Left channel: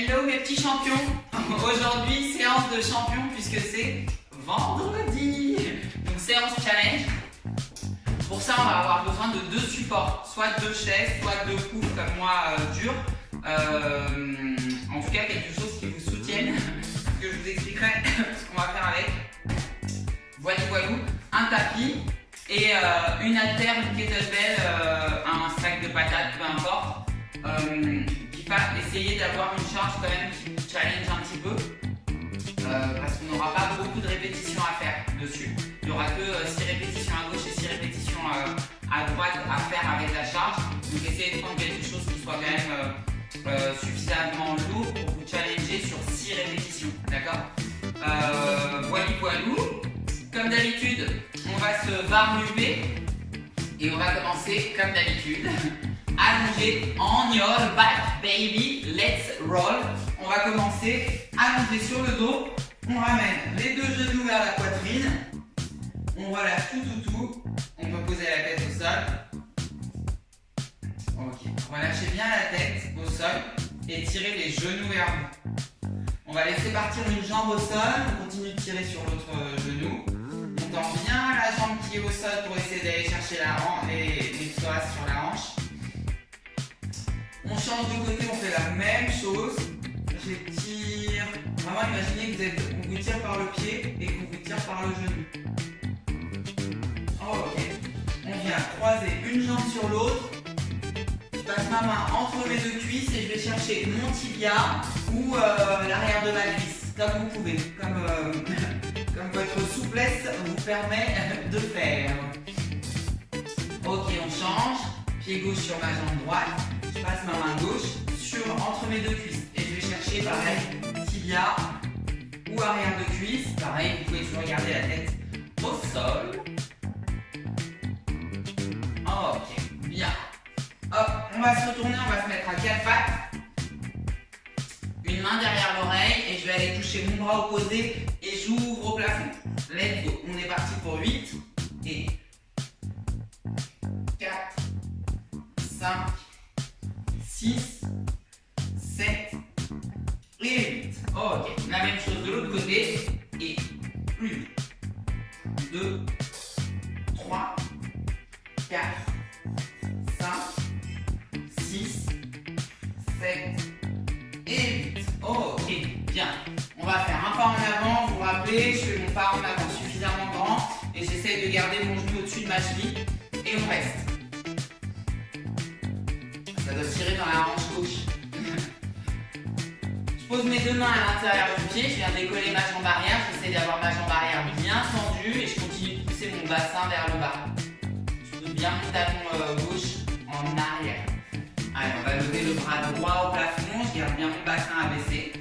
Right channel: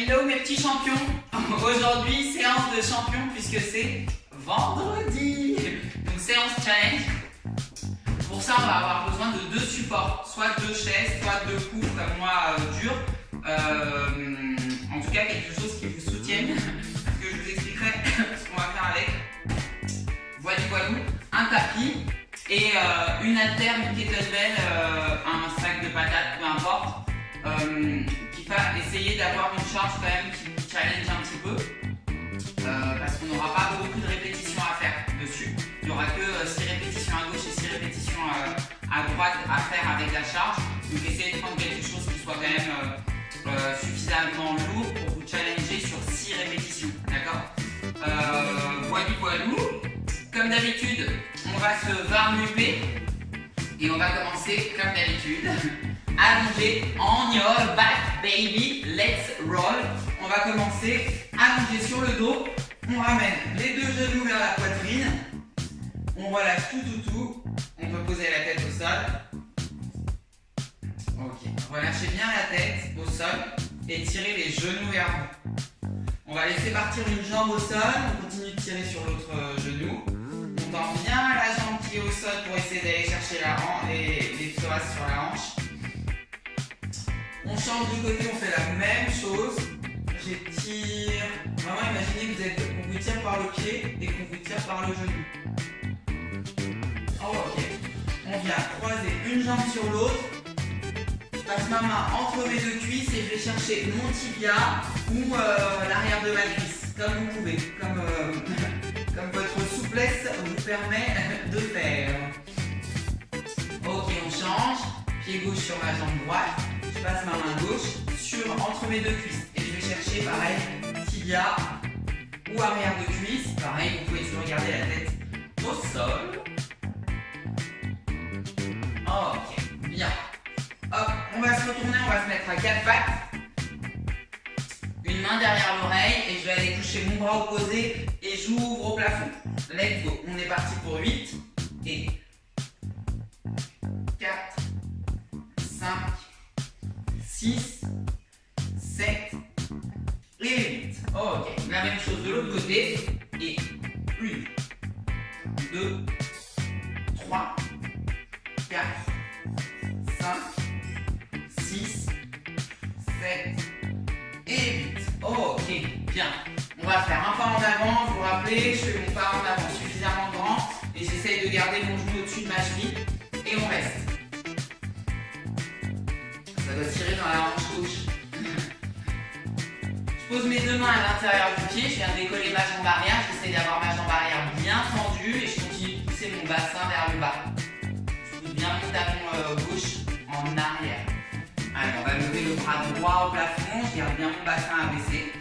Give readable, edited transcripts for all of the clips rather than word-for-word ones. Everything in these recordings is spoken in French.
Hello mes petits champions. Aujourd'hui séance de champion puisque c'est vendredi. Donc séance challenge. Pour ça on va avoir besoin de deux supports, soit deux chaises, soit deux coups comme moi durs. En tout cas quelque chose qui vous soutienne, que je vous expliquerai ce qu'on va faire avec. Voilà, un tapis et une haltère, une kettlebell, un sac de patates, peu importe. Qui va essayer d'avoir une charge quand même qui vous challenge un petit peu parce qu'on n'aura pas beaucoup de répétitions à faire dessus. Il n'y aura que 6 répétitions à gauche et 6 répétitions à droite à faire avec la charge. Donc essayez de prendre quelque chose qui soit quand même suffisamment lourd pour vous challenger sur 6 répétitions. D'accord. Voilou. Comme d'habitude, on va se varmuper et on va commencer comme d'habitude. Allongé on your back baby, let's roll. On va commencer allongé sur le dos. On ramène les deux genoux vers la poitrine. On relâche tout. On peut poser la tête au sol. Ok, relâchez bien la tête au sol et tirez les genoux vers vous. On va laisser partir une jambe au sol. On continue de tirer sur l'autre genou. On tend bien la jambe qui est au sol pour essayer d'aller chercher les psoas sur la hanche. On change de côté, on fait la même chose. J'étire. Vraiment, imaginez que qu'on vous tire par le pied et qu'on vous tire par le genou. Ok. On vient croiser une jambe sur l'autre. Je passe ma main entre mes deux cuisses et je vais chercher mon tibia ou l'arrière de ma cuisse, comme vous pouvez, comme votre souplesse vous permet de faire. Ok, on change. Pied gauche sur ma jambe droite. Je passe ma main gauche entre mes deux cuisses et je vais chercher pareil tibia ou arrière de cuisse. Pareil, vous pouvez toujours garder la tête au sol. Ok, bien. Hop, on va se retourner, on va se mettre à 4 pattes. Une main derrière l'oreille et je vais aller toucher mon bras opposé et j'ouvre au plafond. Let's go. On est parti pour 8 et 4, 5, 6, 7 et 8. Ok, la même chose de l'autre côté. Et 1, 2, 3, 4, 5, 6, 7 et 8. Ok, bien. On va faire un pas en avant. Vous vous rappelez, je fais mon pas en avant suffisamment grand et j'essaye de garder mon genou au-dessus de ma cheville. Et on reste. Ça doit tirer dans la hanche gauche. Je pose mes deux mains à l'intérieur du pied, je viens décoller ma jambe arrière, j'essaie d'avoir ma jambe arrière bien tendue et je continue de pousser mon bassin vers le bas. Je pousse bien mon talon gauche en arrière. Allez, on va lever le bras droit au plafond, je garde bien mon bassin abaissé.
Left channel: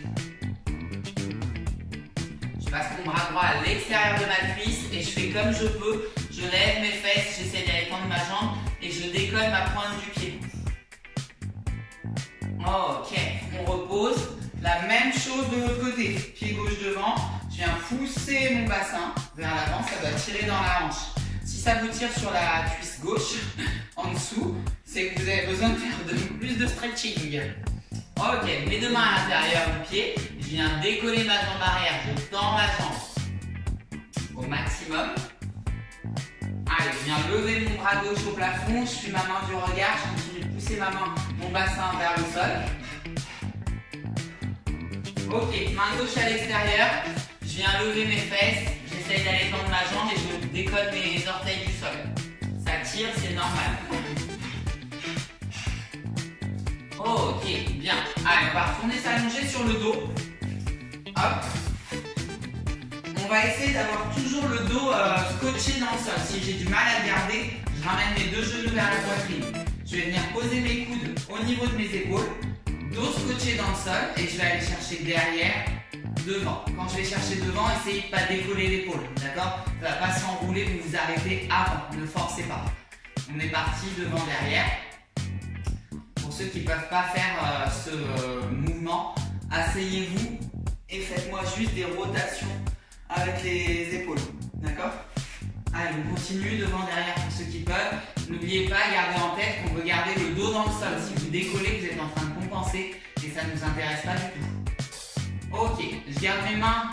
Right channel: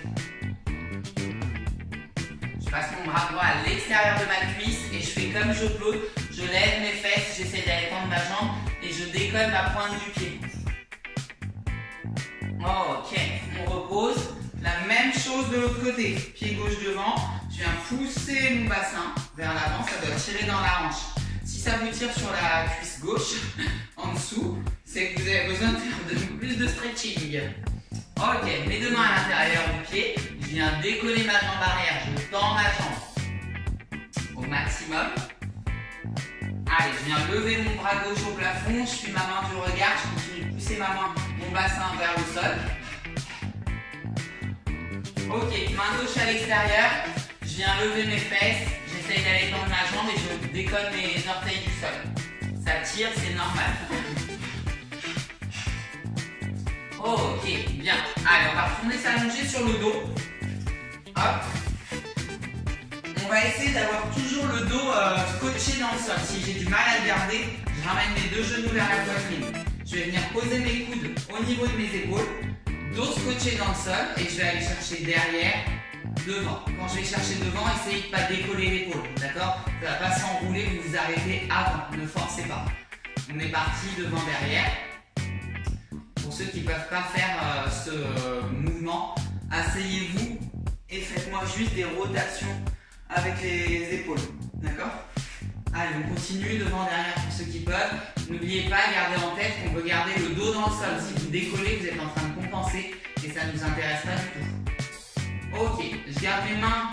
Je passe mon bras droit à l'extérieur de ma cuisse et je fais comme je peux. Je lève mes fesses, j'essaie d'aller tendre ma jambe et je décolle ma pointe du pied. Ok, on repose. La même chose de l'autre côté. Pied gauche devant. Je viens pousser mon bassin vers l'avant. Ça doit tirer dans la hanche. Si ça vous tire sur la cuisse gauche, en dessous, c'est que vous avez besoin de faire plus de stretching. Ok, mes deux mains à l'intérieur du pied. Je viens décoller ma jambe arrière. Je tends ma jambe au maximum. Allez, je viens lever mon bras gauche au plafond. Je suis ma main du regard. Je continue de pousser mon bassin vers le sol. Ok, main gauche à l'extérieur, je viens lever mes fesses, j'essaye d'aller tendre ma jambe et je décolle mes orteils du sol. Ça tire, c'est normal. Ok, bien. Allez, on va retourner s'allonger sur le dos. Hop. On va essayer d'avoir toujours le dos scotché dans le sol. Si j'ai du mal à le garder, je ramène mes deux genoux vers la poitrine. Je vais venir poser mes coudes au niveau de mes épaules. Dos scotché dans le sol et je vais aller chercher derrière, devant. Quand je vais chercher devant, essayez de ne pas décoller l'épaule, d'accord? Ça ne va pas s'enrouler, vous vous arrêtez avant, ne forcez pas. On est parti devant, derrière. Pour ceux qui ne peuvent pas faire ce mouvement, asseyez-vous et faites-moi juste des rotations avec les épaules, d'accord? Allez, on continue devant, derrière pour ceux qui peuvent. N'oubliez pas, gardez en tête qu'on peut garder le dos dans le sol. Si vous décollez, vous êtes en train de compenser et et ça ne nous intéresse pas du tout. Ok, je garde mes mains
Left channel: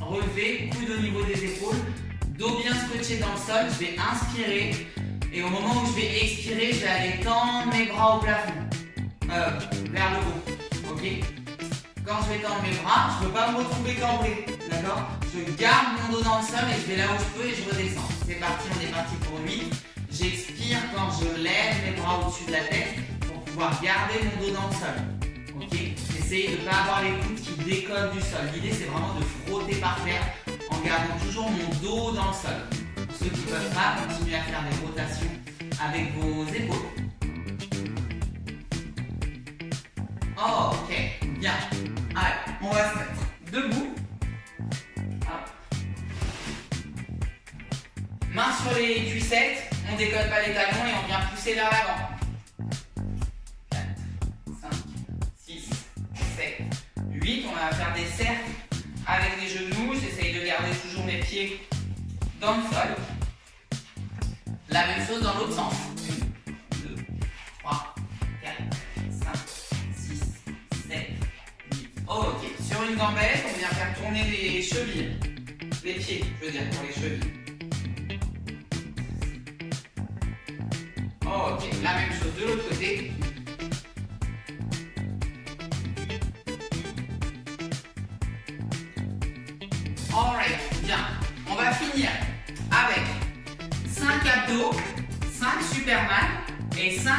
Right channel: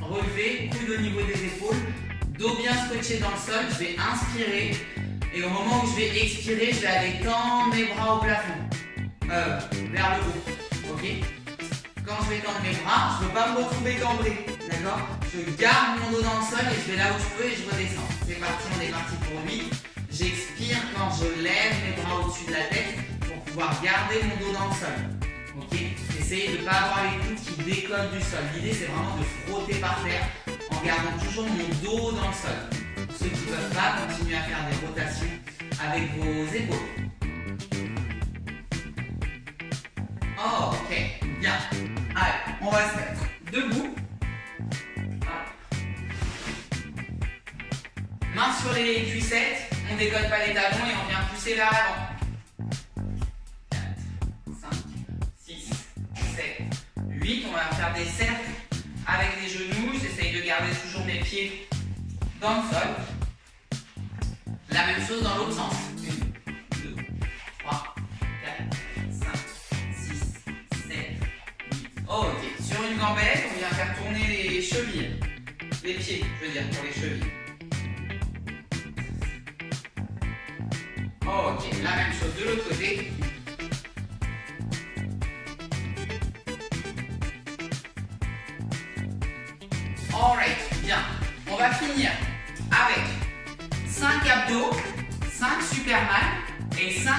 relevées, coude au niveau des épaules, dos bien scotché dans le sol, je vais inspirer et au moment où je vais expirer, je vais aller tendre mes bras au plafond, vers le haut, ok? Quand je vais tendre mes bras, je ne veux pas me retrouver cambré, d'accord? Je garde mon dos dans le sol et je vais là où je peux et je redescends. C'est parti, on est parti pour 8. J'expire quand je lève mes bras au-dessus de la tête pour pouvoir garder mon dos dans le sol. Ok? Essayez de ne pas avoir les coudes qui décollent du sol. L'idée c'est vraiment de frotter par terre en gardant toujours mon dos dans le sol. Pour ceux qui ne peuvent pas, continuer à faire des rotations avec vos épaules. Oh, ok, bien. Allez, on va se mettre debout. Main sur les cuissettes, on ne décolle pas les talons et on vient pousser vers l'avant. 4, 5, 6, 7, 8. On va faire des cercles avec les genoux. J'essaye de garder toujours mes pieds dans le sol. La même chose dans l'autre sens. 1, 2, 3, 4, 5, 6, 7, 8. Ok, sur une gambette, on vient faire tourner les chevilles. Les pieds, je veux dire, pour les chevilles. Ok, la même chose de l'autre côté. Alright, bien. On va finir avec 5 abdos, 5 Superman et 5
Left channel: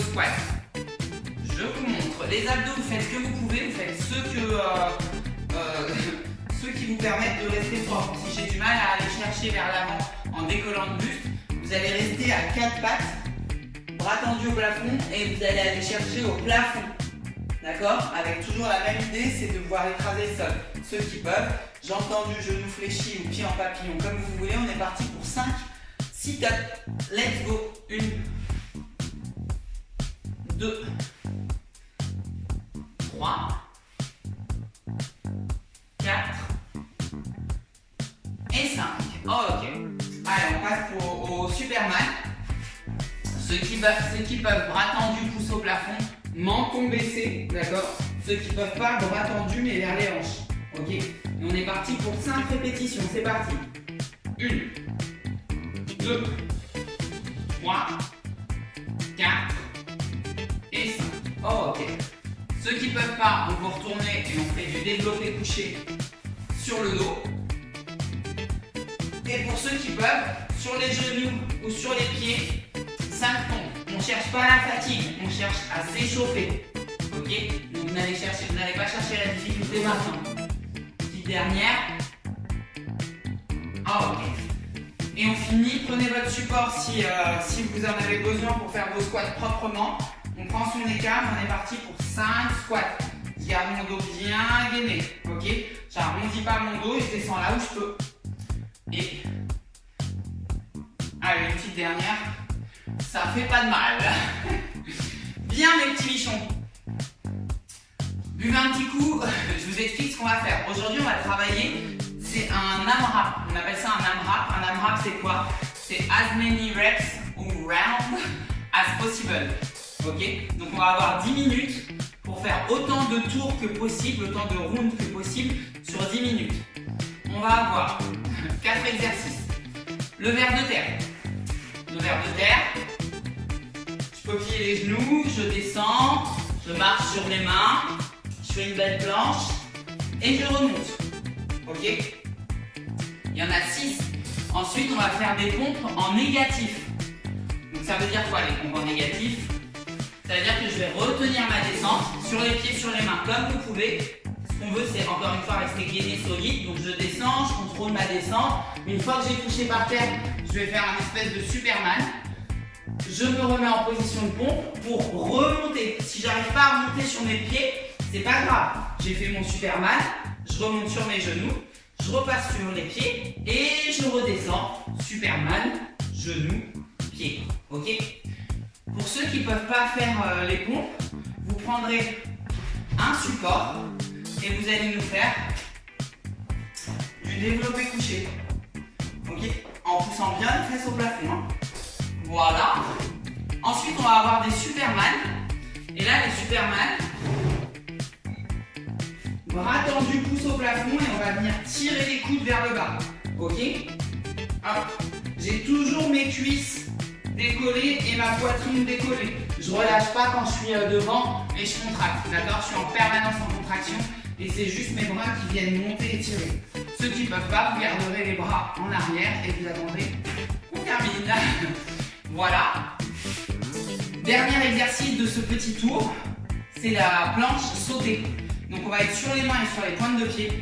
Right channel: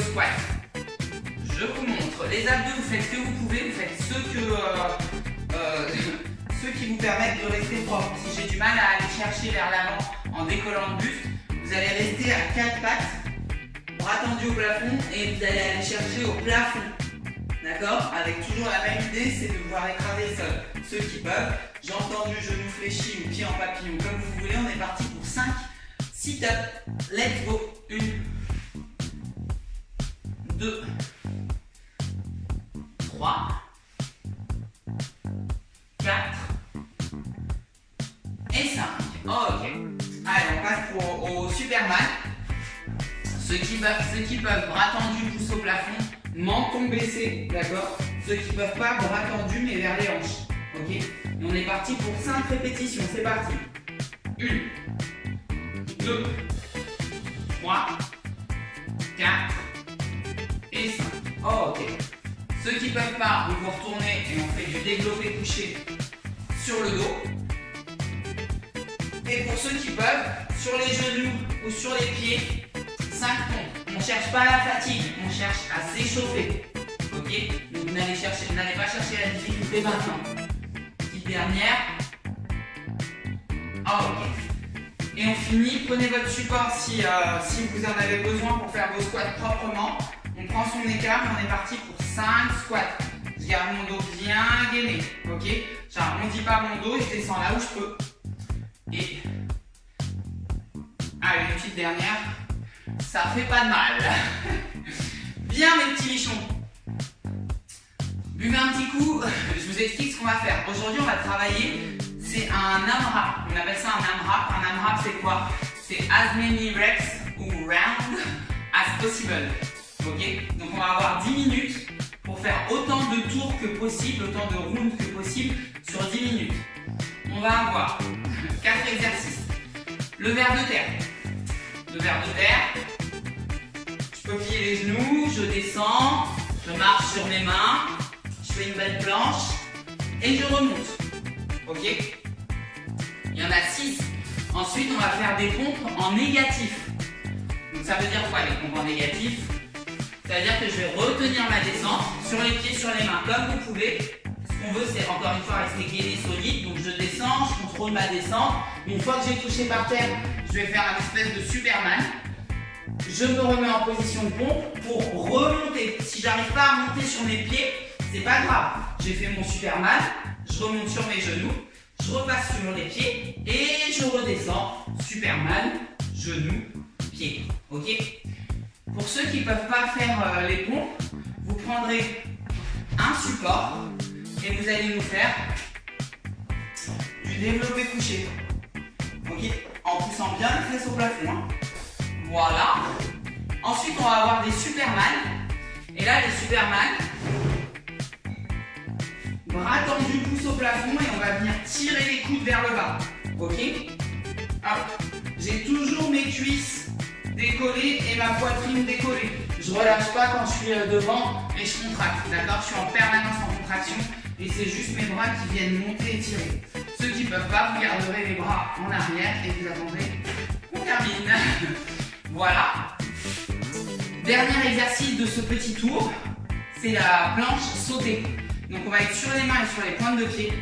squats. Je vous montre. Les abdos, vous faites ce que vous pouvez, vous faites ceux qui vous permettent de rester propre. Si j'ai du mal à aller chercher vers l'avant en décollant le buste, vous allez rester à 4 pattes. Bras tendus au plafond et vous allez aller chercher au plafond. D'accord? Avec toujours la même idée, c'est de pouvoir écraser le sol. Ceux qui peuvent, j'ai entendu genou fléchi ou pied en papillon, comme vous voulez. On est parti pour 5 sit-ups. Let's go. 1, 2, 3, 4 et 5. Ok. Allez, on passe au Superman. Ceux qui peuvent, bras tendus, pouce au plafond, menton baissé, d'accord? Ceux qui peuvent pas, bras tendus, mais vers les hanches, ok? Et on est parti pour 5 répétitions, c'est parti. 1, 2, 3, 4 et 5. Oh, ok. Ceux qui peuvent pas, on va retourner et on fait du développé couché sur le dos. Et pour ceux qui peuvent, sur les genoux ou sur les pieds, 5 pompes. On ne cherche pas la fatigue, on cherche à s'échauffer. Ok? Donc vous n'allez pas chercher la difficulté maintenant. Petite dernière. Oh, ok. Et on finit, prenez votre support si vous en avez besoin pour faire vos squats proprement. On prend son écart et on est parti pour 5 squats. Je garde mon dos bien gainé. Ok? J'arrondis pas mon dos et je descends là où je peux. Et allez, une petite dernière. Ça fait pas de mal. Bien mes petits bichons. Buvez un petit coup, je vous explique ce qu'on va faire. Aujourd'hui on va travailler, c'est un AMRAP. On appelle ça un AMRAP. Un AMRAP c'est quoi? C'est as many reps ou rounds as possible. Ok? Donc on va avoir 10 minutes pour faire autant de tours que possible, autant de rounds que possible sur 10 minutes. On va avoir 4 exercices. Le ver de terre. Le ver de terre. Je peux plier les genoux, je descends, je marche sur mes mains, je fais une belle planche et je remonte. Ok? Il y en a 6. Ensuite, on va faire des pompes en négatif. Donc ça veut dire quoi les pompes en négatif? C'est-à-dire que je vais retenir ma descente sur les pieds, sur les mains, comme vous pouvez. Ce qu'on veut, c'est encore une fois rester gainé, solide. Donc je descends, je contrôle ma descente. Une fois que j'ai touché par terre, je vais faire un espèce de Superman. Je me remets en position de pompe pour remonter. Si j'arrive pas à remonter sur mes pieds, c'est pas grave. J'ai fait mon Superman, je remonte sur mes genoux, je repasse sur les pieds et je redescends. Superman, genoux, pieds. Ok? Pour ceux qui ne peuvent pas faire les pompes, vous prendrez un support et vous allez nous faire du développé couché. Ok? En poussant bien les fesses au plafond. Hein. Voilà. Ensuite, on va avoir des Superman. Et là, les Superman, Bras tendus, pouce au plafond et on va venir tirer les coudes vers le bas. Ok? Hop. J'ai toujours mes cuisses décollées et ma poitrine décollée. Je relâche pas quand je suis devant et je contracte. D'accord? Je suis en permanence en contraction et c'est juste mes bras qui viennent monter et tirer. Ceux qui ne peuvent pas, vous garderez les bras en arrière et vous attendrez qu'on termine. Voilà. Dernier exercice de ce petit tour, c'est la planche sautée. Donc on va être sur les mains et sur les pointes de pied.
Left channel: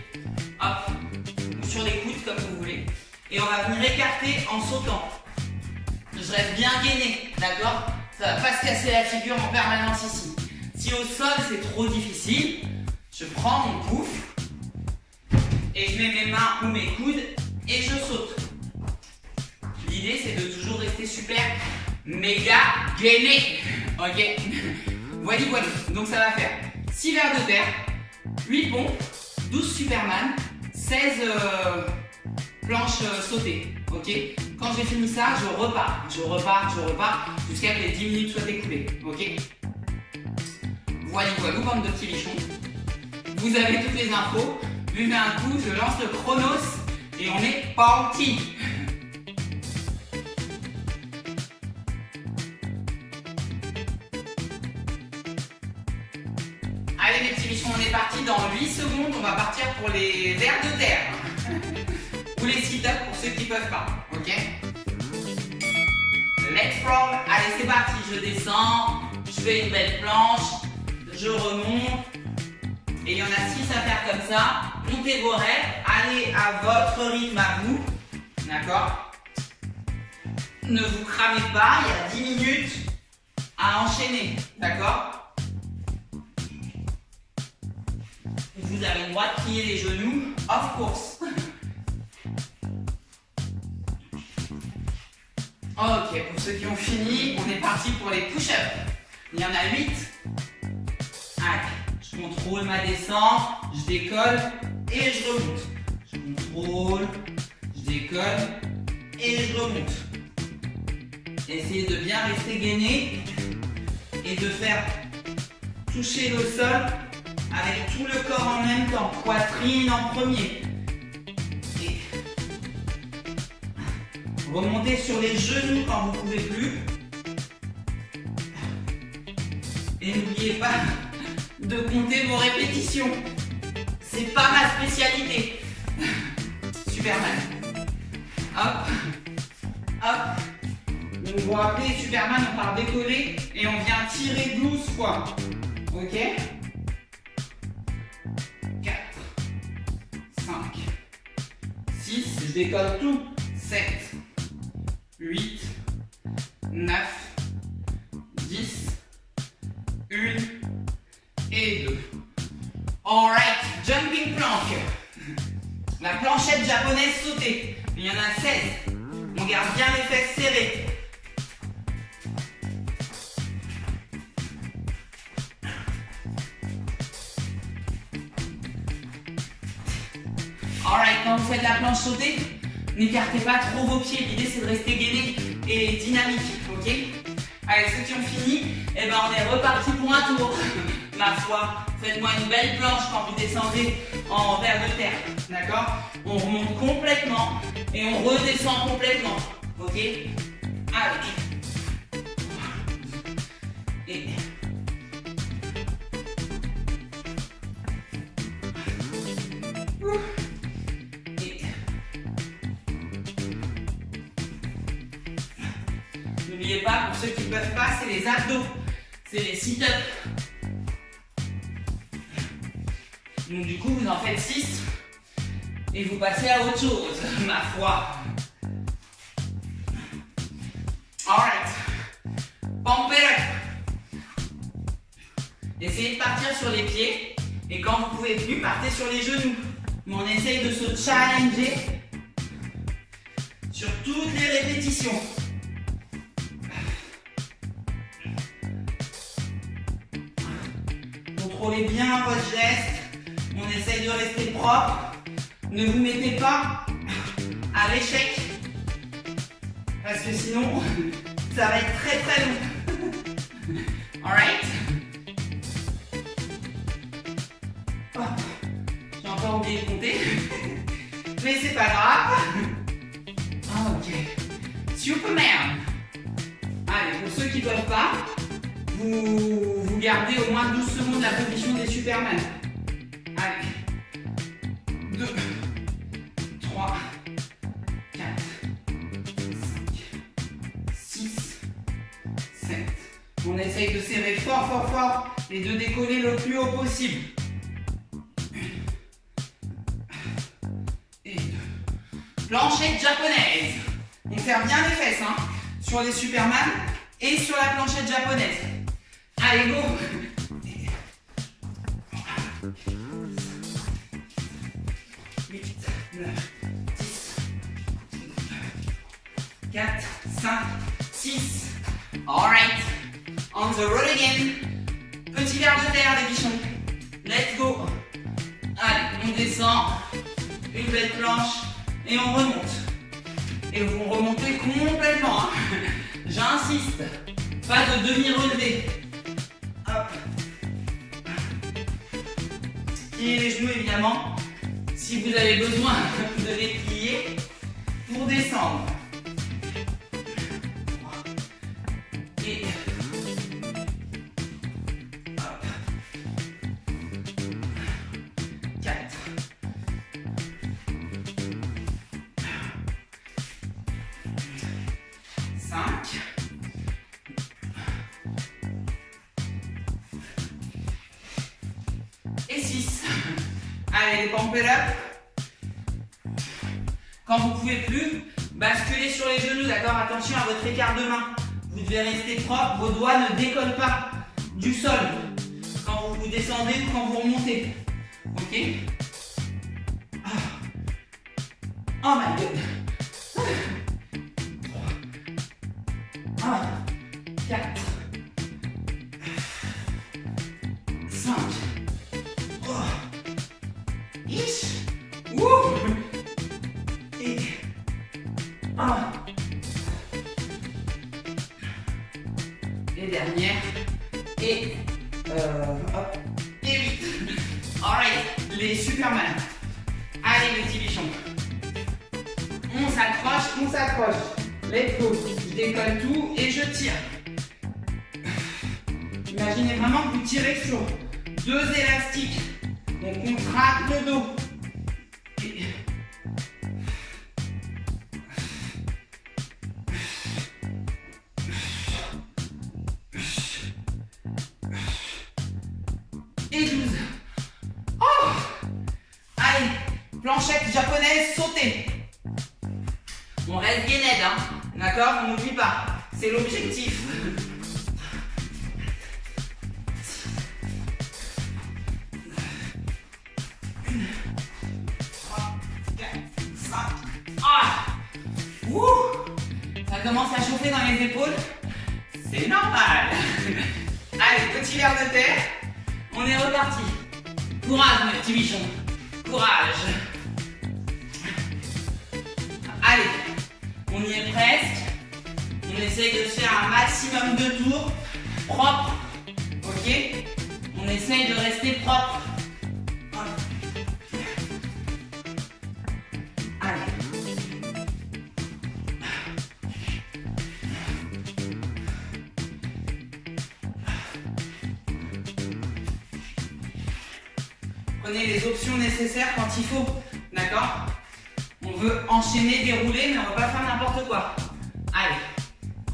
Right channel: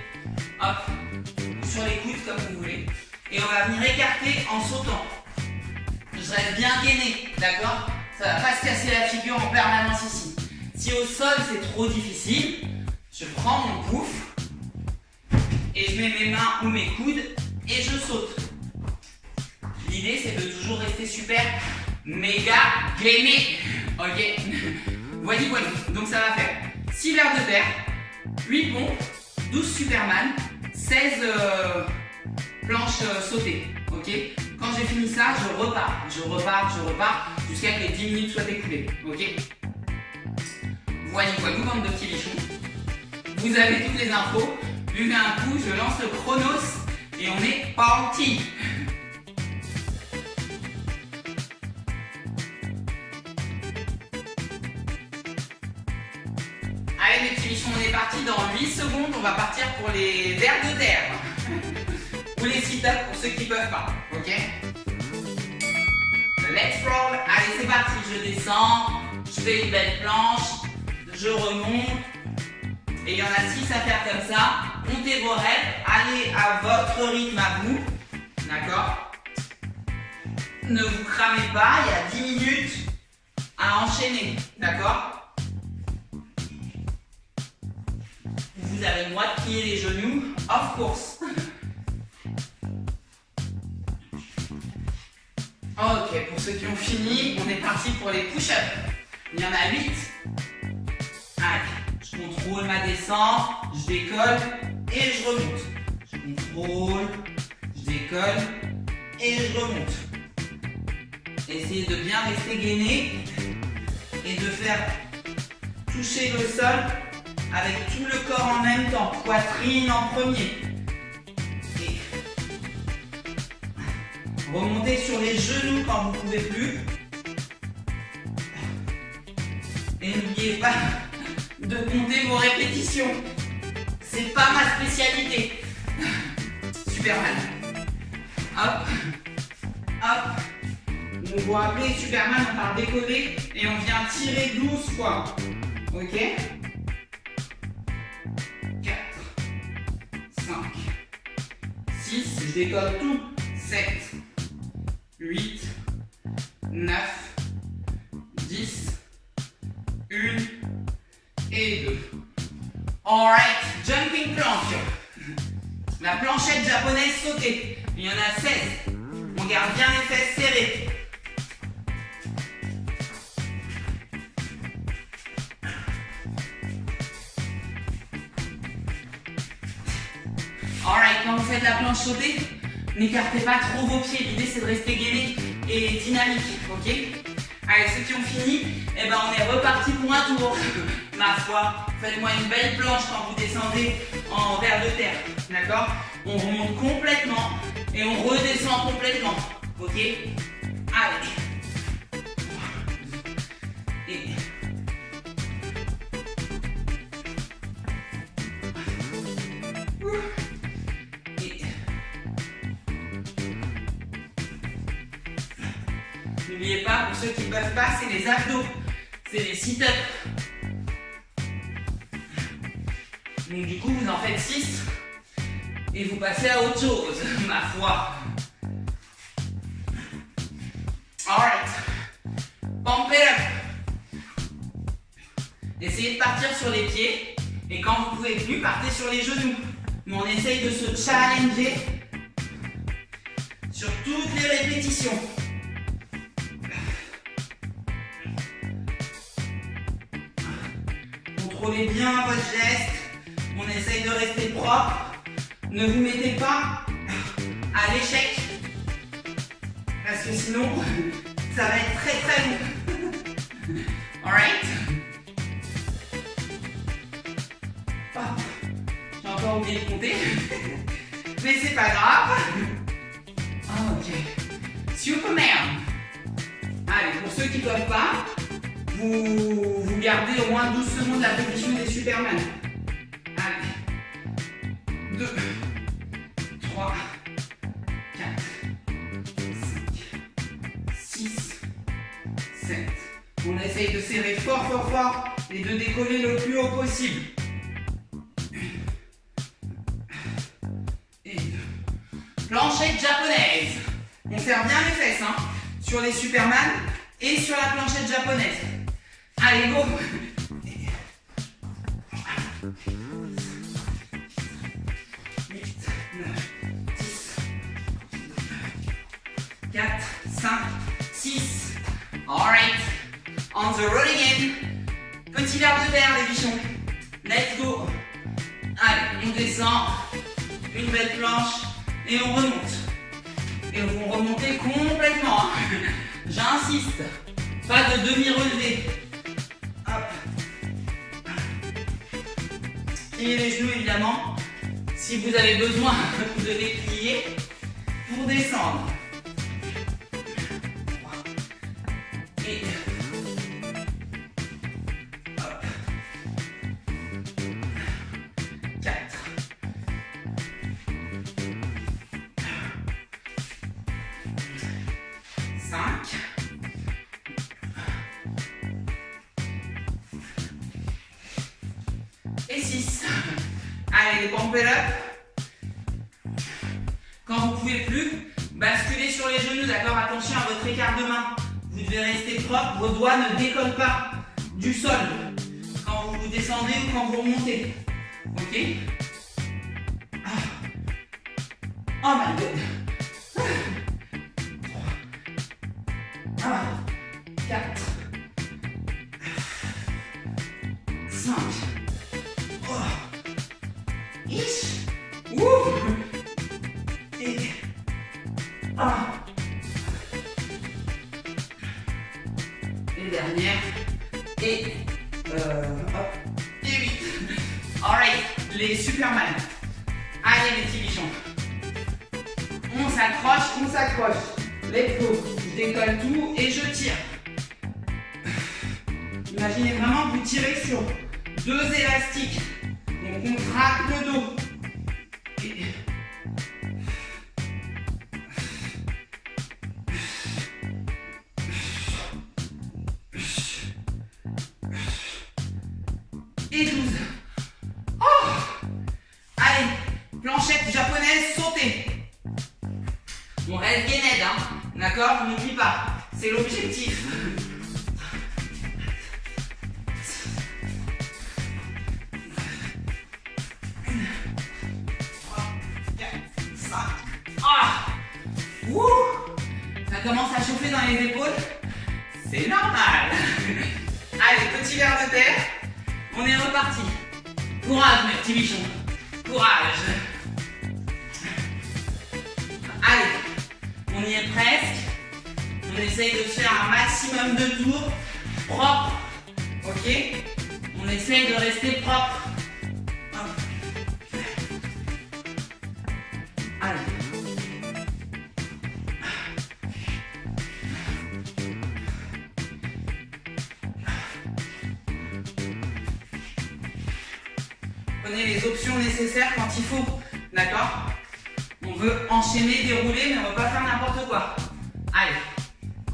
Hop. Ou sur les coudes comme vous voulez. Et on va venir écarter en sautant. Je reste bien gainé, d'accord? Ça ne va pas se casser la figure en permanence ici. Si au sol c'est trop difficile, je prends mon pouf et je mets mes mains ou mes coudes et je saute. L'idée c'est de toujours rester super méga gainé. Ok? Voilà, voilà. Donc ça va faire 6 vers de terre, 8 pompes, 12 Superman, 16 planches sautées. Ok? Quand j'ai fini ça, je repars, jusqu'à ce que les 10 minutes soient écoulées. Ok? Voilà, voilà, bande de petits bichons. Vous avez toutes les infos. Buvez un coup, je lance le chronos et on est parti. Allez mes petits bichons, on est parti dans 8 secondes. On va partir pour les vers de terre. Ou les sit-ups pour ceux qui ne peuvent pas. Ok? Let's roll. Allez, c'est parti. Je descends. Je fais une belle planche. Je remonte. Et il y en a 6 à faire comme ça. Montez vos rêves. Allez à votre rythme à vous. D'accord? Ne vous cramez pas. Il y a 10 minutes à enchaîner. D'accord? Vous avez le droit de plier les genoux. Of course. Ok, pour ceux qui ont fini, on est parti pour les push-ups. Il y en a 8. Allez, je contrôle ma descente, je décolle et je remonte. Je contrôle, je décolle et je remonte. Essayez de bien rester gainé et de faire toucher le sol avec tout le corps en même temps. Poitrine en premier. Remontez sur les genoux quand vous ne pouvez plus. Et n'oubliez pas de compter vos répétitions. C'est pas ma spécialité. Superman. Hop. Hop. Donc vous rappelez, Superman, on part décoller et on vient tirer 12 fois. Ok? 4, 5, 6, je décolle tout. 7. 8, 9, 10, 1 et 2. Alright, jumping plank. La planchette japonaise sautée. Il y en a 16. On garde bien les fesses serrées. Alright, quand vous faites la planche sautée, n'écartez pas trop vos pieds, l'idée c'est de rester gainé et dynamique, ok? Allez, ceux qui ont fini, eh ben on est reparti pour un tour. Ma foi, faites-moi une belle planche quand vous descendez en vers de terre, d'accord? On remonte complètement et on redescend complètement, ok? Allez. Et... N'oubliez pas, pour ceux qui ne peuvent pas, c'est les abdos, c'est les sit-ups. Donc du coup, vous en faites 6 et vous passez à autre chose, ma foi. Alright. Pump it up. Essayez de partir sur les pieds et quand vous ne pouvez plus, partez sur les genoux. Mais on essaye de se challenger sur toutes les répétitions. Contrôlez bien votre geste. On essaye de rester propre. Ne vous mettez pas à l'échec. Parce que sinon, ça va être très très long. Alright? oublié de compter. Mais c'est pas grave. Ok. Superman. Allez, pour ceux qui ne peuvent pas, vous gardez au moins 12 secondes la position des Superman. Allez. 2, 3, 4, 5, 6, 7. On essaye de serrer fort, fort, fort et de décoller le plus haut possible. Et 2. Planchette japonaise. On serre bien les fesses, hein, sur les Superman et sur la planchette japonaise. Allez, go. 8, 9, 10, 4, 5, 6. Alright. On the road again. Petit verre de terre, les bichons. Let's go. Allez, on descend. Une belle planche. Et on remonte. Et vous remontez complètement. Hein. J'insiste. Pas de demi-relevé. Hop. Pliez les genoux, évidemment. Si vous avez besoin de les plier pour descendre. Et 4. Et 6. Allez, pump it up. Quand vous ne pouvez plus, basculez sur les genoux, d'accord? Attention à votre écart de main. Vous devez rester propre, vos doigts ne décollent pas du sol quand vous descendez ou quand vous remontez. Ok? Oh my god! 4, 5. Wouh! Et 1. Et dernière. Et hop. Et 8. Alright, les Superman. Allez les petits bichons. On s'accroche. Let's go. Je décolle tout et je tire. Imaginez vraiment que vous tirez sur 2 élastiques. On contracte le dos. Et... et 12. Oh! Allez, planchette japonaise, sautez. On reste gained, hein. D'accord? On n'oublie pas. C'est l'objectif. 3, 4, 5. Ah! Ouh! Ça commence à chauffer dans les épaules. C'est normal. Allez, petit verre de terre. On est reparti. Courage, mes petits bichons. Courage. Allez, on y est presque. On essaye de faire un maximum de tours propres. Ok? On essaye de rester propre. Allez. Prenez les options nécessaires quand il faut. D'accord? On veut enchaîner, dérouler, mais on ne va pas faire n'importe quoi. Allez,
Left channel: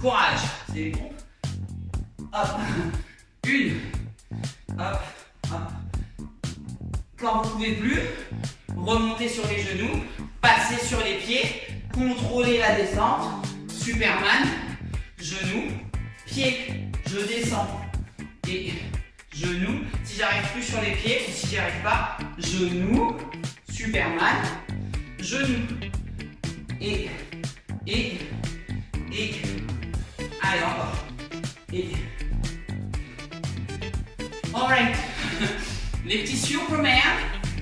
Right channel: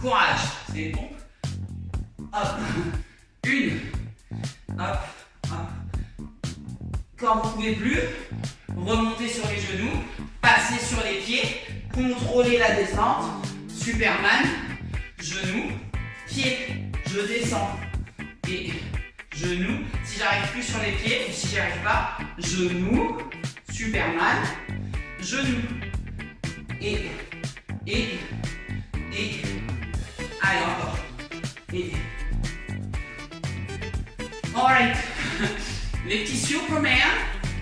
courage. C'est bon. Hop. 1. Hop. Hop. Quand vous ne pouvez plus, remontez sur les genoux, passez sur les pieds, contrôlez la descente. Superman, genoux, pied, je descends. Et genoux. Si j'arrive plus sur les pieds, ou si j'y arrive pas, genoux, Superman. Genoux. Et. Allez, encore. Et. Alright. Les petits Superman,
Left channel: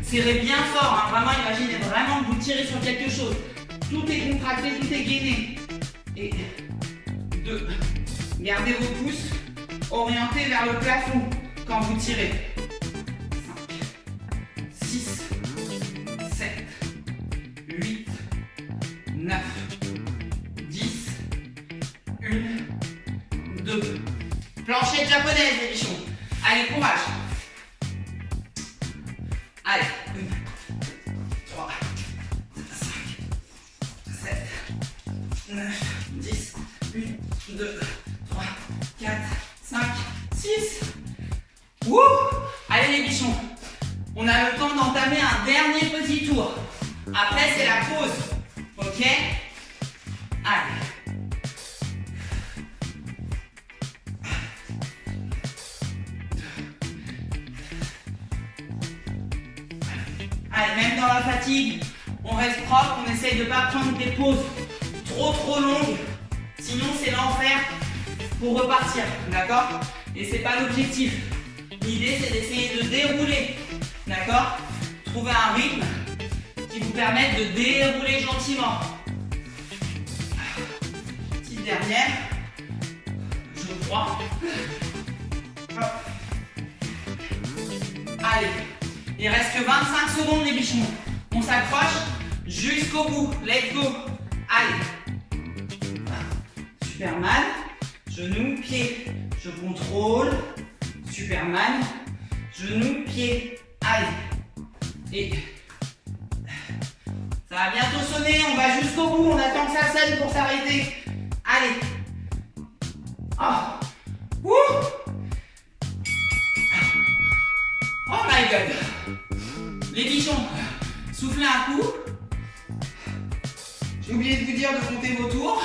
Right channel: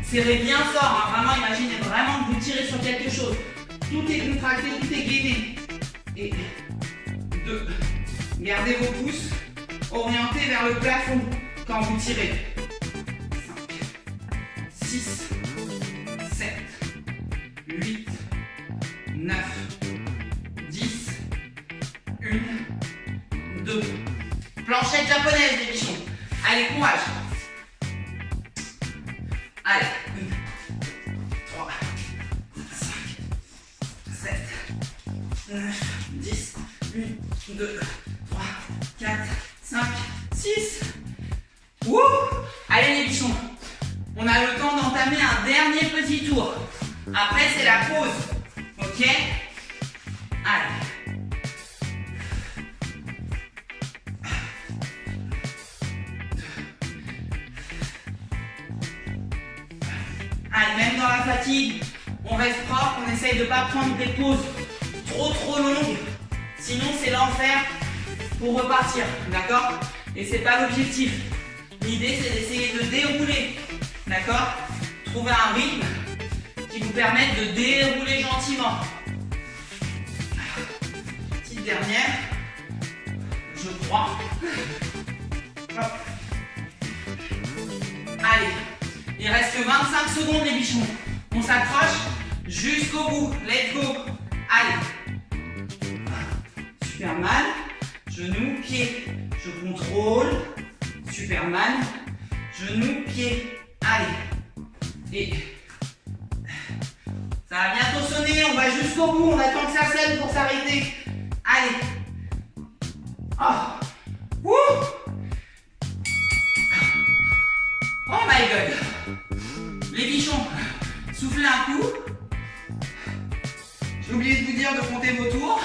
serrez bien fort. Hein. Vraiment, imaginez vraiment que vous tirez sur quelque chose. Tout est contracté, tout est gainé. Et 2. Gardez vos pouces orientés vers le plafond quand vous tirez. 5, 6, Allez, courage. Allez. 3, 5, 7, 9, 10, 1, 2, 3, 4, 5, 6. Wouh! Allez les bichons. On a le temps d'entamer un dernier petit tour. Après, c'est la pause. Ok? Allez. Allez, même dans la fatigue, on reste propre, on essaye de ne pas prendre des pauses trop longues. Sinon, c'est l'enfer pour repartir. D'accord? Et c'est pas l'objectif. L'idée, c'est d'essayer de dérouler. D'accord? Trouver un rythme qui vous permette de dérouler gentiment. Petite dernière. Je crois. Hop. Allez. Il reste que 25 secondes les bichons. On s'accroche jusqu'au bout. Let's go. Allez. Superman. Genou, pied. Je contrôle. Superman. Genou, pied. Allez. Et ça va bientôt sonner. On va jusqu'au bout. On attend que ça sonne pour s'arrêter. Allez. Oh. Wouh. Oh my god. Les bichons, soufflez un coup. J'ai oublié de vous dire de compter vos tours.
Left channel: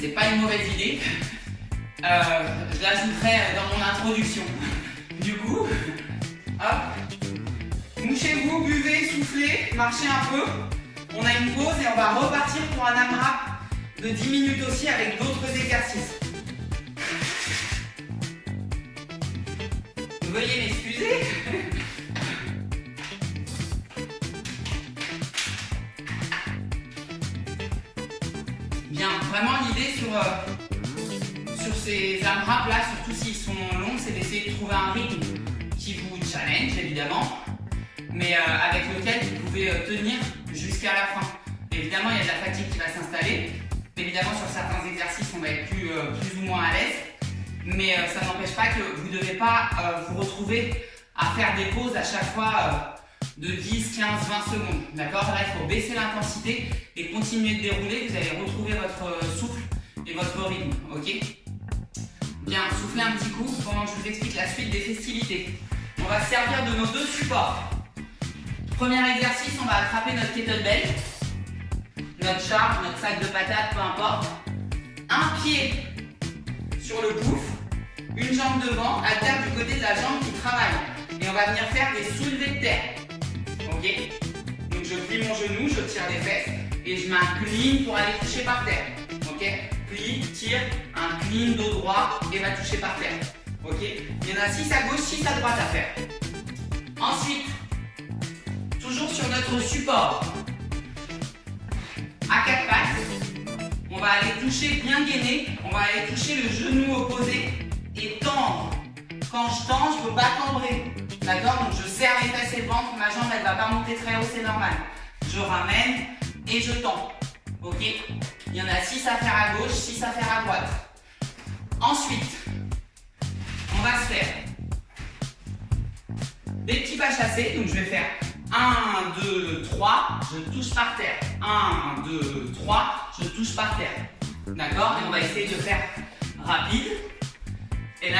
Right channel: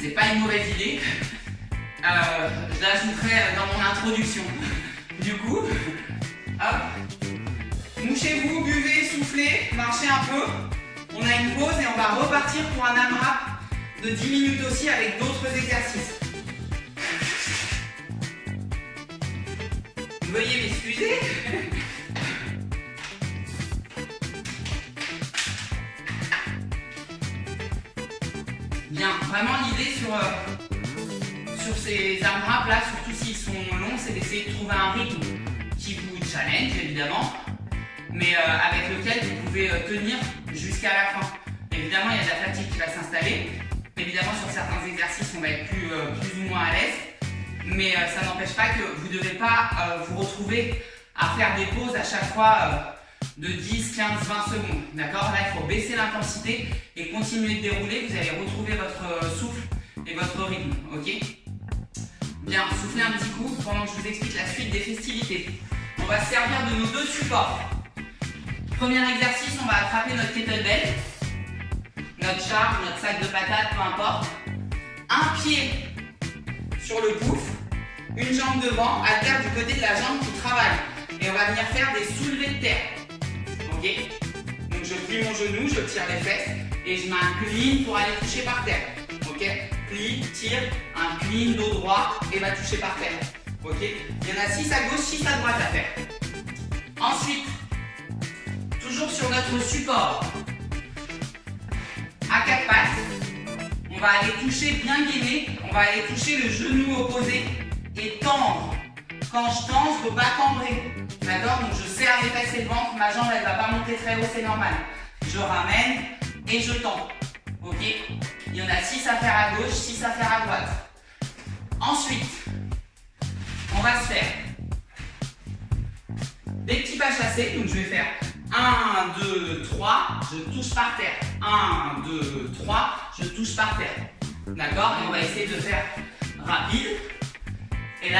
C'est pas une mauvaise idée. Je l'ajouterai dans mon introduction. Du coup, hop. Mouchez-vous, buvez, soufflez, marchez un peu. On a une pause et on va repartir pour un AMRAP de 10 minutes aussi avec d'autres exercices. Veuillez m'excuser. Bien, vraiment l'idée sur ces AMRAP là, surtout s'ils sont longs, c'est d'essayer de trouver un rythme qui vous challenge évidemment, mais avec lequel vous pouvez tenir jusqu'à la fin. Évidemment, il y a de la fatigue qui va s'installer. Évidemment, sur certains exercices, on va être plus ou moins à l'aise. Mais ça n'empêche pas que vous ne devez pas vous retrouver à faire des pauses à chaque fois de 10, 15, 20 secondes. D'accord? Là, il faut baisser l'intensité et continuer de dérouler. Vous allez retrouver votre souffle et votre rythme. Ok? Bien, soufflez un petit coup pendant que je vous explique la suite des festivités. On va se servir de nos deux supports. Premier exercice, on va attraper notre kettlebell, notre charge, notre sac de patates, peu importe. Un pied sur le pouf, une jambe devant, haltère du côté de la jambe qui travaille. Et on va venir faire des soulevés de terre. Ok? Donc je plie mon genou, je tire les fesses et je m'incline pour aller toucher par terre. Ok? Plie, tire, incline, dos droit et va toucher par terre. Ok? Il y en a 6 à gauche, 6 à droite à faire. Ensuite, toujours sur notre support, à 4 pattes, on va aller toucher bien gainé, on va aller toucher le genou opposé et tendre. Quand je tends, je ne peux pas cambrer. D'accord? Donc je serre les fesses et le ventre, ma jambe elle ne va pas monter très haut, c'est normal. Je ramène et je tends. Ok? Il y en a 6 à faire à gauche, 6 à faire à droite. Ensuite, on va se faire des petits pas chassés. Donc je vais faire 1, 2, 3, je touche par terre. 1, 2, 3, je touche par terre. D'accord? Et on va essayer de faire rapide. Et là,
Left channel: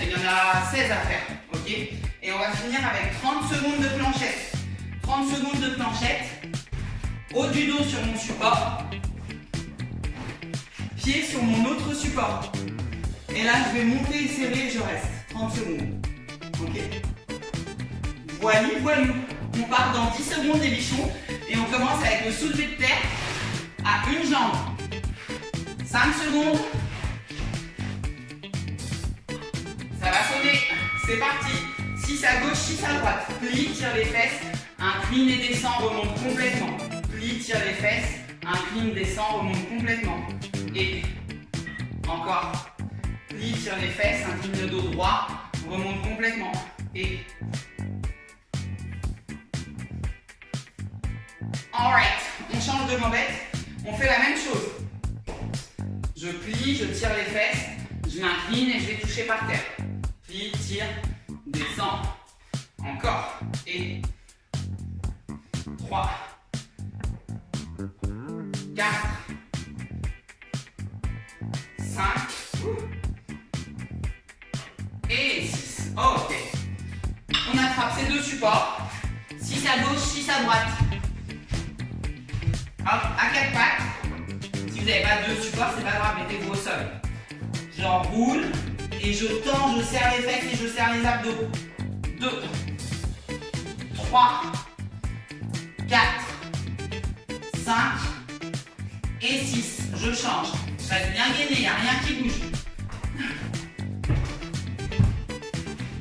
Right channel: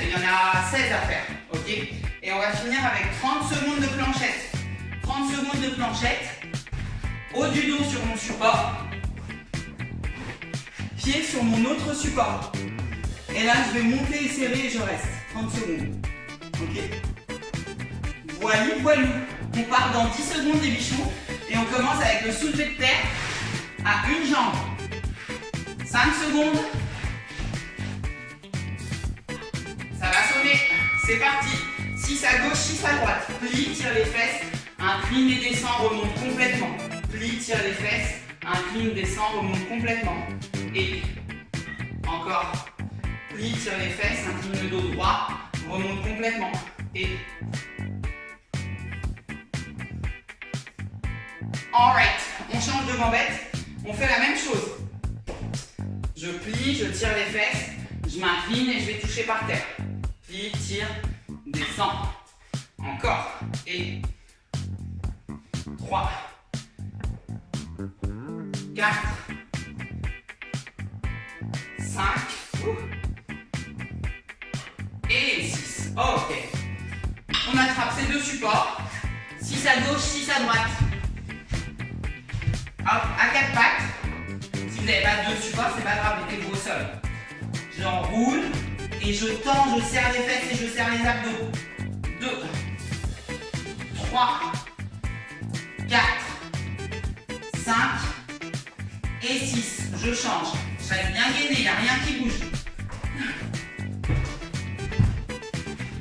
il y en a 16 à faire. Ok? Et on va finir avec 30 secondes de planchette. 30 secondes de planchette. Haut du dos sur mon support. Pied sur mon autre support. Et là, je vais monter et serrer et je reste. 30 secondes. Ok? Voili, voilou. On part dans 10 secondes les bichons. Et on commence avec le soulevé de terre à une jambe. 5 secondes. Ça va sonner. C'est parti. 6 à gauche, 6 à droite. Plie, tire les fesses. Incline et descend, remonte complètement. Plie, tire les fesses. Incline, descend, remonte complètement. Et encore. Plie, tire les fesses. Incline le dos droit. Remonte complètement. Et alright. On change de bambette. On fait la même chose. Je plie, je tire les fesses. Je m'incline et je vais toucher par terre. Plie, tire, descends. Encore. Et 3, 4, 5 et 6. Ok. On attrape ces deux supports. 6 à gauche, 6 à droite. Hop, à 4 pattes. Si vous n'avez pas deux supports, c'est pas grave, mettez-vous au sol. J'enroule et je tends, je serre les fesses et je serre les abdos. 2, 3, 4, 5 et 6. Je change. Je reste bien gainé, il n'y a rien qui bouge.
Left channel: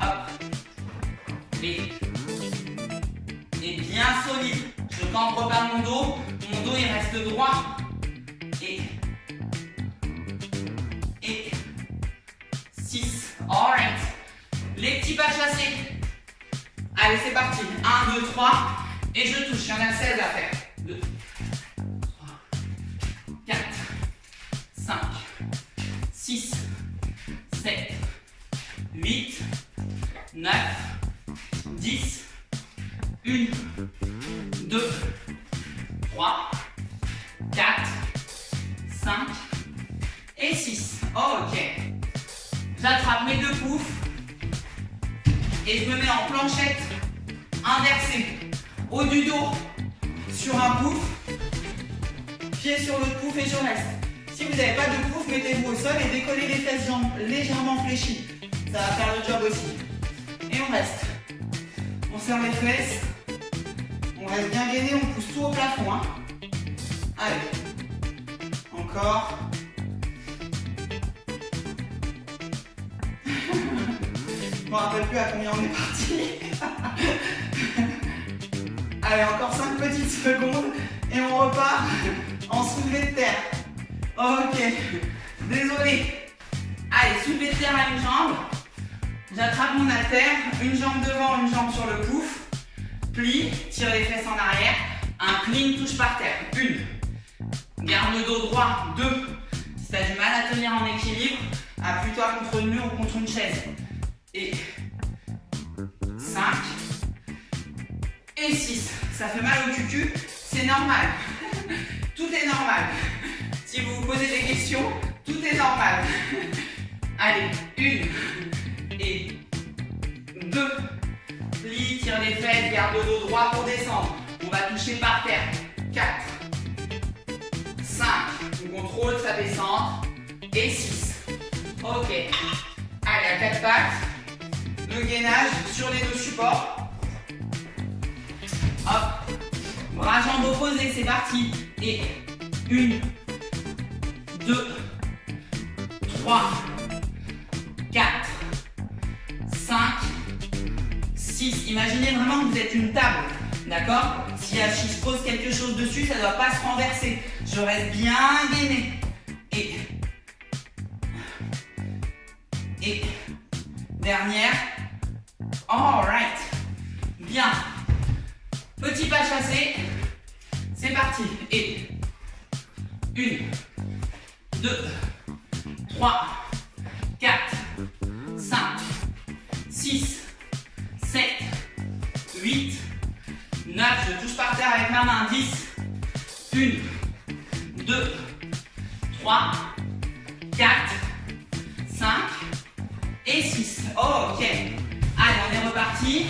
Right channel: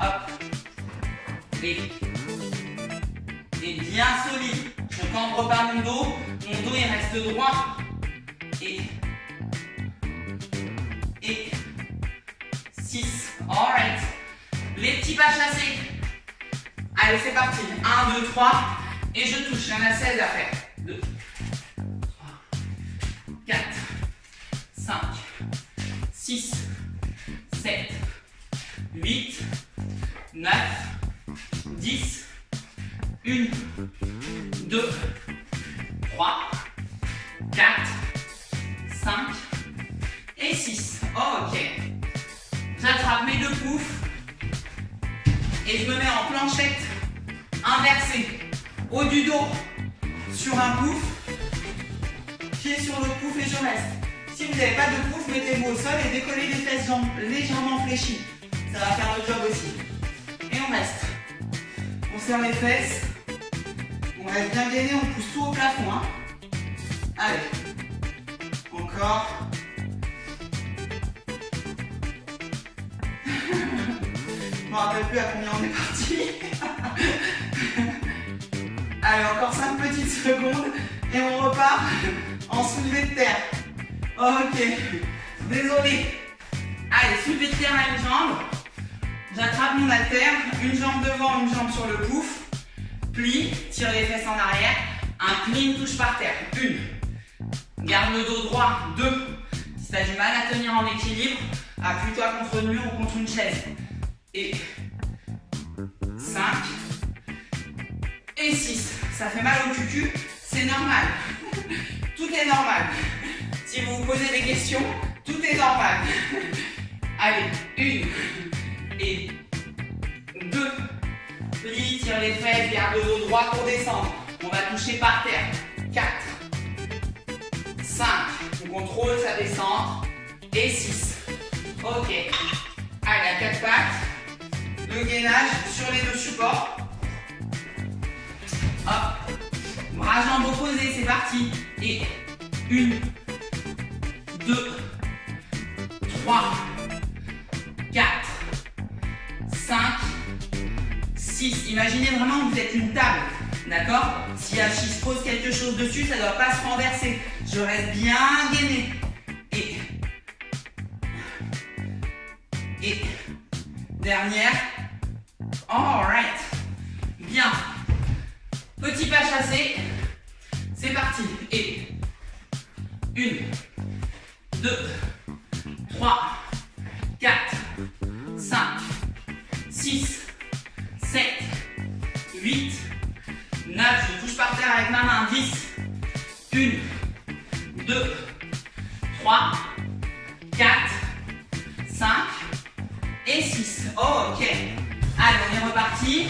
Hop. Et bien solide. Je ne cambre pas mon dos. Mon dos il reste droit. Et 6. Alright. Les petits pas chassés. Allez, c'est parti. 1, 2, 3. Et je touche. Il y en a 16 à faire. 2, 3, 4, 5, 6, 7, 8, 9, 10, 1, 2, 3, 4, 5 et 6. Ok. J'attrape mes deux poufs et je me mets en planchette inversée. Haut du dos sur un pouf, pied sur l'autre pouf et je reste. Si vous n'avez pas de pouf, mettez-vous au sol et décollez les fesses jambes légèrement fléchies. Ça va faire le job aussi. Et on reste. On serre les fesses. On reste bien gainé, on pousse tout au plafond. Hein. Allez. Encore. Je ne me rappelle plus à combien on est parti. Allez, encore 5 petites secondes et on repart en soulevé de terre. Ok, désolé. Allez, soulevé de terre à une jambe. J'attrape mon haltère, une jambe devant, une jambe sur le pouf. Plie, tire les fesses en arrière. Incline, touche par terre. 1. Garde le dos droit. 2. Si tu as du mal à tenir en équilibre, appuie-toi contre le mur ou contre une chaise. Et 5. Et 6. Ça fait mal au cucu, c'est normal. Tout est normal. Si vous vous posez des questions, tout est normal. Allez, 1 et 2. Plie, tire les fesses, garde le dos droit pour descendre. On va toucher par terre. 4, 5. On contrôle sa descente. Et 6. Ok. Allez, à 4 pattes. Le gainage sur les deux supports. Hop, bras jambes opposés, c'est parti. Et 1, 2, 3, 4, 5, 6. Imaginez vraiment que vous êtes une table, d'accord? Si Achille se pose quelque chose dessus, ça ne doit pas se renverser. Je reste bien gainé. Et dernière. Alright. Bien. Petit pas chassé, c'est parti. Et 1, 2, 3, 4, 5, 6, 7, 8, 9. Je touche par terre avec ma main. 10, 1, 2, 3, 4, 5 et 6. Ok. Allez, on est reparti.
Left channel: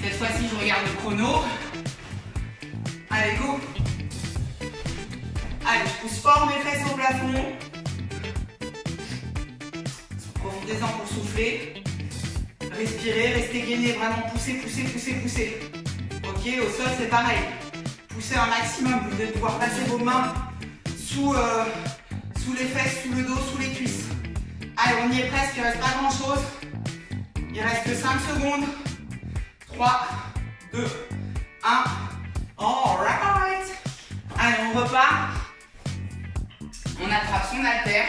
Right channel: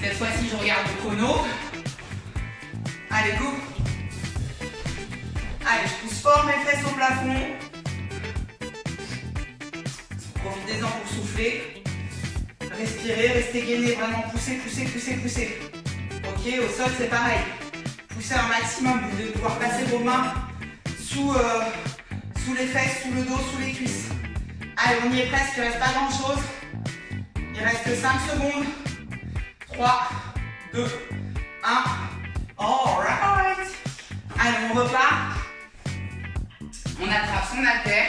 Cette fois-ci, je regarde le chrono. Allez, go. Allez, je pousse fort mes fesses au plafond. Profitez-en pour souffler. Respirez, restez gainé, vraiment poussez, poussez, poussez, poussez. Ok, au sol, c'est pareil. Poussez un maximum. Vous devez pouvoir passer vos mains sous les fesses, sous le dos, sous les cuisses. Allez, on y est presque, il ne reste pas grand-chose. Il reste 5 secondes. 3, 2, 1. Alright. Allez, on repart. On attrape son haltère.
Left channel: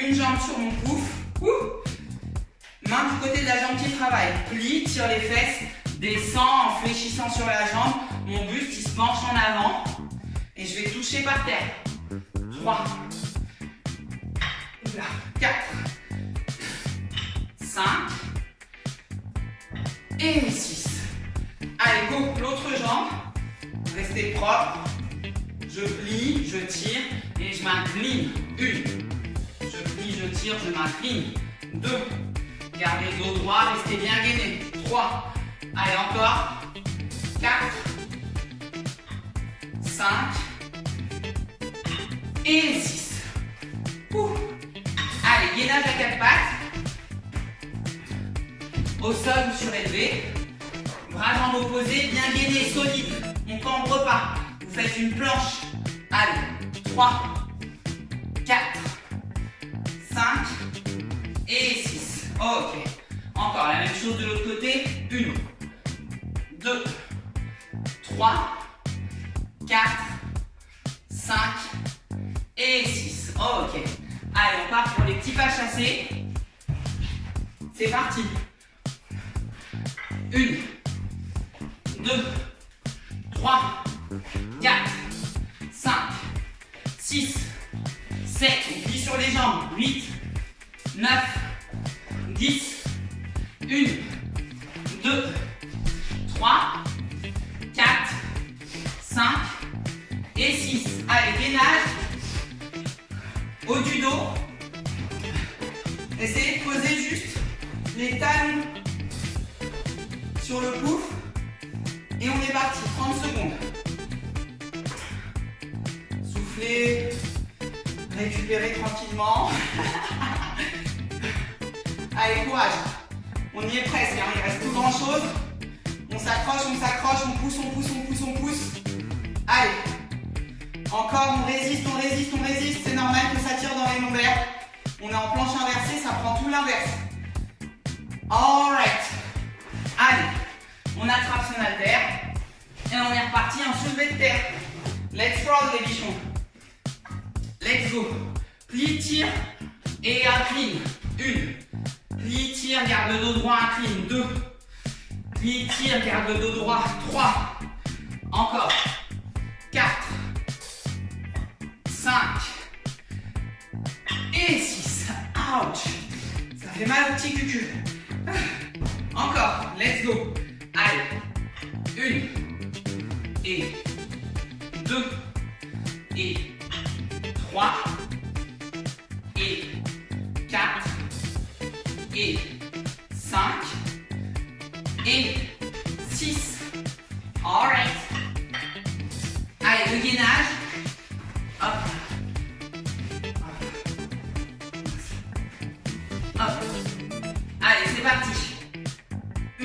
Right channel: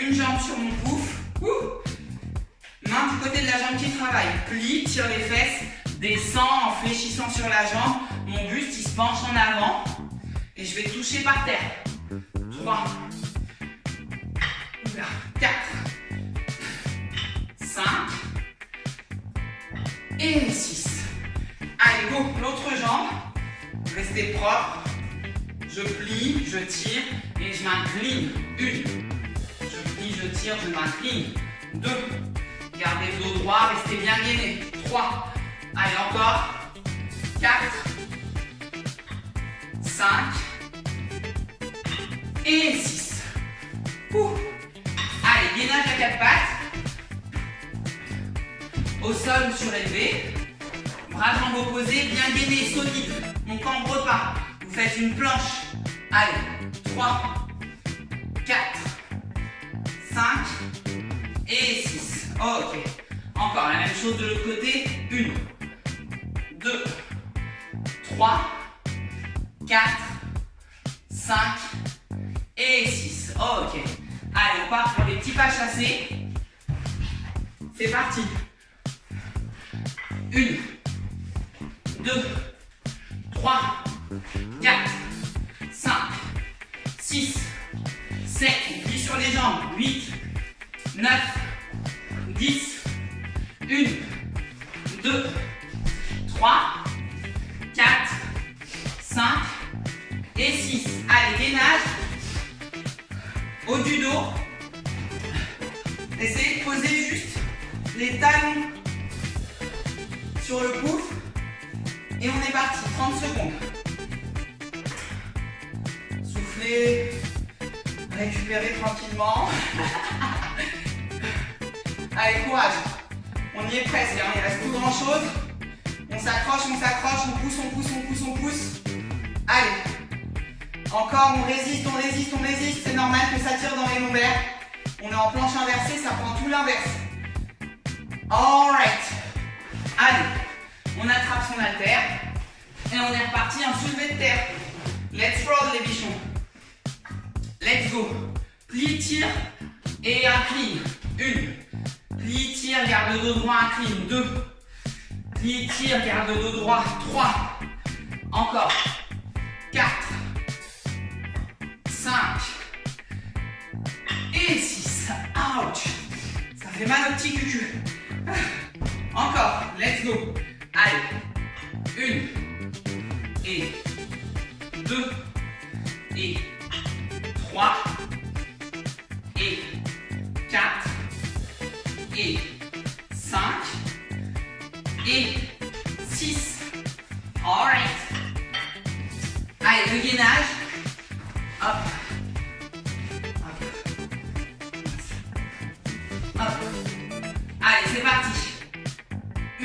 Une jambe sur mon pouf. Main du côté de la jambe qui travaille. Plie, tire les fesses. Descends en fléchissant sur la jambe. Mon buste, il se penche en avant. Et je vais toucher par terre. 3, Et 6. Allez, go, l'autre jambe. Restez propre. Je plie, je tire et je m'incline. 1. Je plie, je tire, je m'incline. 2. Gardez le dos droit, restez bien gainé. 3. Allez, encore. 4. 5. Et 6. Allez, gainage à 4 pattes. Au sol surélevé. Bras jambes opposés, bien gainés, solide. On cambre pas. Vous faites une planche. Allez, 3, 4, 5 et 6. Ok. Encore la même chose de l'autre côté. 1, 2, 3, 4, 5 et 6. Ok. Allez, on part pour les petits pas chassés. C'est parti. 1, 2, 3, 4, 5, 6, 7, on plie sur les jambes, 8, 9, 10, 1, 2, 3, 4, 5 et 6. Allez, gainage, haut du dos. Essayez de poser juste les talons sur le pouce. Et on est parti, 30 secondes. Soufflez, récupérez tranquillement. Allez, courage. On y est presque, hein. Il reste plus grand chose. On s'accroche, on pousse, on pousse, on pousse, on pousse. Allez. Encore, on résiste, on résiste, on résiste. C'est normal que ça tire dans les lombaires. On est en planche inversée, ça prend tout l'inverse. Alright. Allez. On attrape son haltère et on est reparti en soulevé de terre. Let's roll les bichons. Let's go. Plie, tire et incline. 1. Plie, tire, garde le dos droit, incline. 2. Plie, tire, garde le dos droit. 3. Encore. 4. 5. Et 6. Ouch. Ça fait mal au petit cucu. Encore. Let's go. Allez, 1 et 2 et 3 et 4 et 5 et 6. Alright. Allez, le gainage. Hop. Hop. Hop. Allez, c'est parti. 1.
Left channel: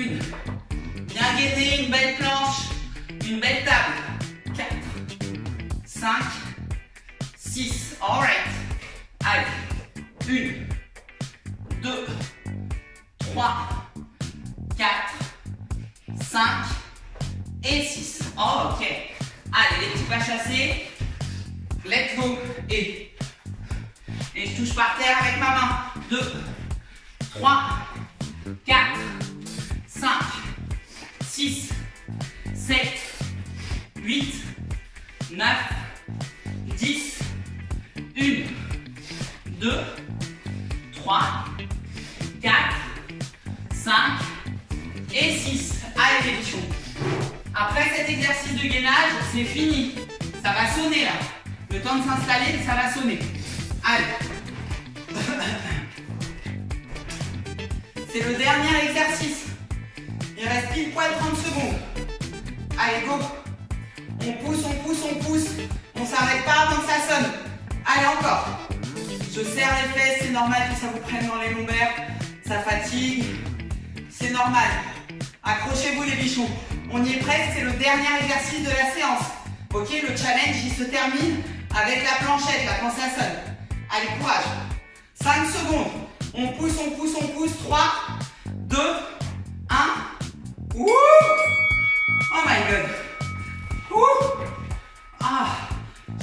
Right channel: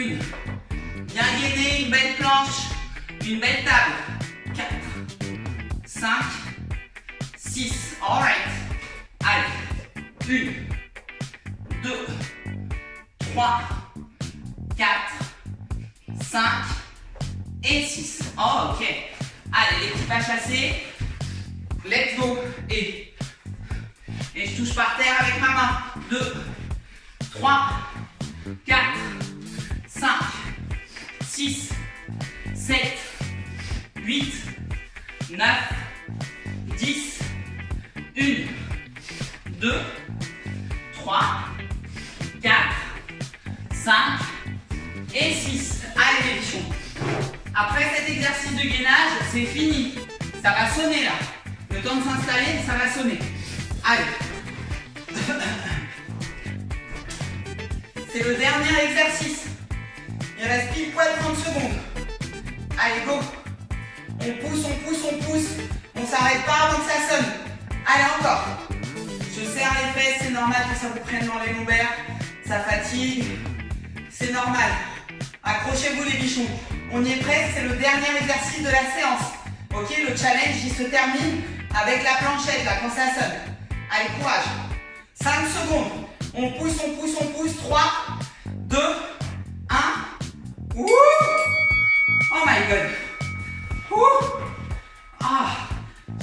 Bien gainé, une belle planche, une belle table. 4, 5, 6. Alright. Allez. 1, 2, 3, 4, 5 et 6. Oh, ok. Allez, les petits pas chassés. Let's go. Et je touche par terre avec ma main. 2, 3, 4, 5. 6, 7, 8, 9, 10, 1, 2, 3, 4, 5 et 6. Allez les bichons. Après cet exercice de gainage, c'est fini. Ça va sonner là. Le temps de s'installer, ça va sonner. Allez. C'est le dernier exercice. Il reste pile poil 30 secondes. Allez, go. On pousse, on pousse, on pousse. On s'arrête pas avant que ça sonne. Allez, encore. Je serre les fesses, c'est normal que ça vous prenne dans les lombaires. Ça fatigue. C'est normal. Accrochez-vous les bichons. On y est presque, c'est le dernier exercice de la séance. Ok, le challenge, il se termine avec la planchette, là, quand ça sonne. Allez, courage. 5 secondes. On pousse, on pousse, on pousse. 3, 2, 1. Wouh! Oh my god! Wouh! Ah!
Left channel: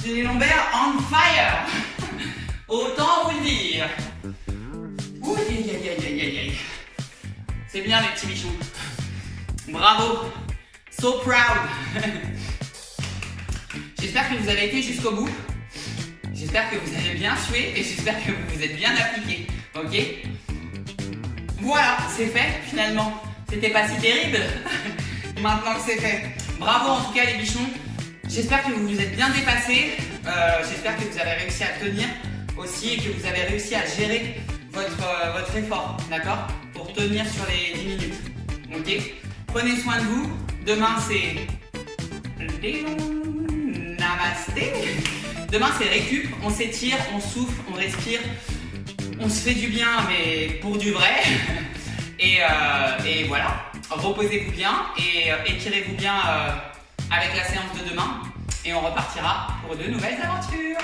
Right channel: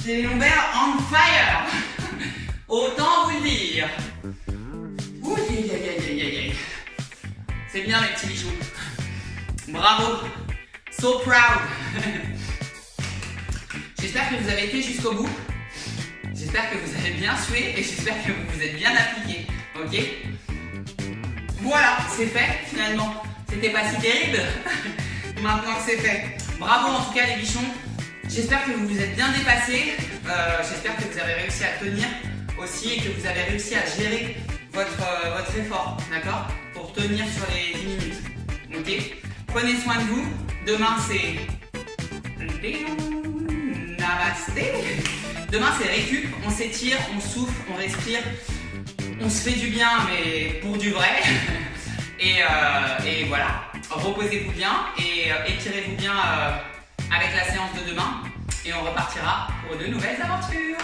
J'ai les lombaires on fire! Autant vous le dire! Ouh, aïe, aïe, aïe, aïe, aïe. C'est bien les petits bichons. Bravo! So proud! J'espère que vous avez été jusqu'au bout. J'espère que vous avez bien sué et j'espère que vous vous êtes bien appliqué. Ok? Voilà, c'est fait finalement. C'était pas si terrible. Maintenant que c'est fait. Bravo en tout cas les bichons. J'espère que vous vous êtes bien dépassés. J'espère que vous avez réussi à tenir aussi et que vous avez réussi à gérer votre effort, d'accord? Pour tenir sur les 10 minutes. Ok? Prenez soin de vous. Demain c'est Namasté. Demain c'est récup. On s'étire, on souffle, on respire. On se fait du bien, mais pour du vrai. Et voilà. Reposez-vous bien et étirez-vous bien avec la séance de demain. Et on repartira pour de nouvelles aventures.